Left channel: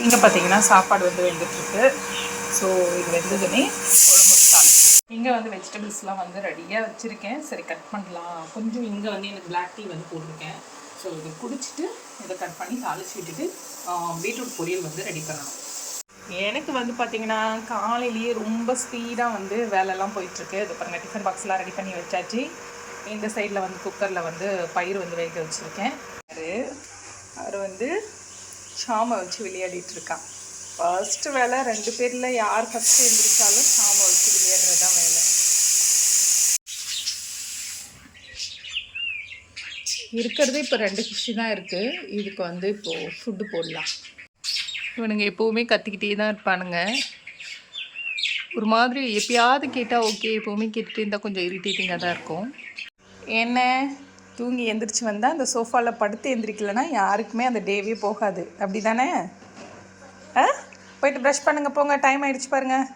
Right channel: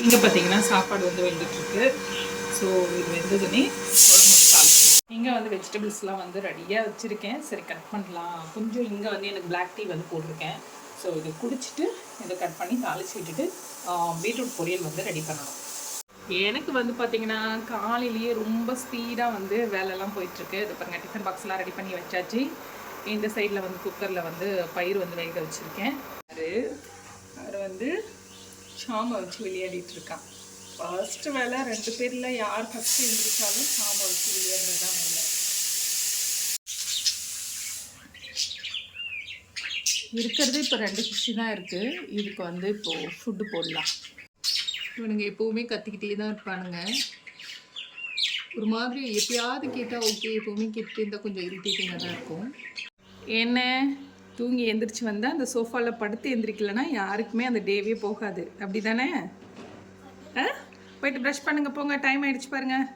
இங்கே பார்த்தீங்கன்னா சாப்பாடு வந்து வெந்துட்டுருக்கு. ஸோ இது வெந்ததுன்னே குழம்பு வந்து தாளிச்சு இங்கே வந்து வெஜிடபிள்ஸ்லாம் வந்து ரெடியாக வச்சுருக்கேன். சரி கட் பண்ணலாம். கொஞ்சம் இங்கே வந்து எனக்கு பிளாக் டீ வந்து போட்டிருக்கேன். ஸோ இதை குடிச்சிட்டு இதை கட் பண்ணி தாளிச்சு விட்டுட்டு பீட்ரூட் பொரியல் வந்து ரெடி பண்ணணும். எனக்கு வந்து பார்த்திங்கன்னா காலையிலேயே ரொம்ப ஸ்பீடாக வந்து வேலைலாம் போயிட்டுருக்கு. இது பாருங்கள், டிஃபன் பாக்ஸ்லாம் ரெடி பண்ணி வச்சாச்சு. இந்த சைடில் வந்து குக்கரில் வந்து பயிர் வந்து வேக வச்சுருக்கேன். அவர் வந்து சாமை வச்சு விளையாடிட்டுருக்கான். ஃபர்ஸ்ட்டு வேலை 2 பேரில் யார் ஃபஸ்ட்டு எழுந்திரிச்சாலும் சாமை வச்சு விளையாடுறது தான் வேலை. இருக்கிறது இப்போ 2 ஃபிஷ்ஷு தான் இருக்குது. இதுக்கு வந்து இப்போது ஃபுட்டு போடலாம். இவனுங்க எப்போவுமே கத்திக்கிட்டே தான் இருப்பானுங்க. ஒரு மாதிரி எப்பயாவது கேட்டால் ஓகே, எப்போவுமே கேட்டுகிட்டே இருந்தால் கொஞ்சம் இரிட்டேட்டிங்காக தான் இருக்கும். என்ன தூங்கி எந்திரிச்சு வந்தால் அந்த சோஃபாவில் படுத்து எந்திரிக்கலைன்னா யாருக்குமே அந்த டேவே போகாது. அப்படி தானே? போயிட்டு ப்ரஷ் பண்ணுங்கள், போங்க, டைம் ஆகிடுச்சு பாருங்கள்.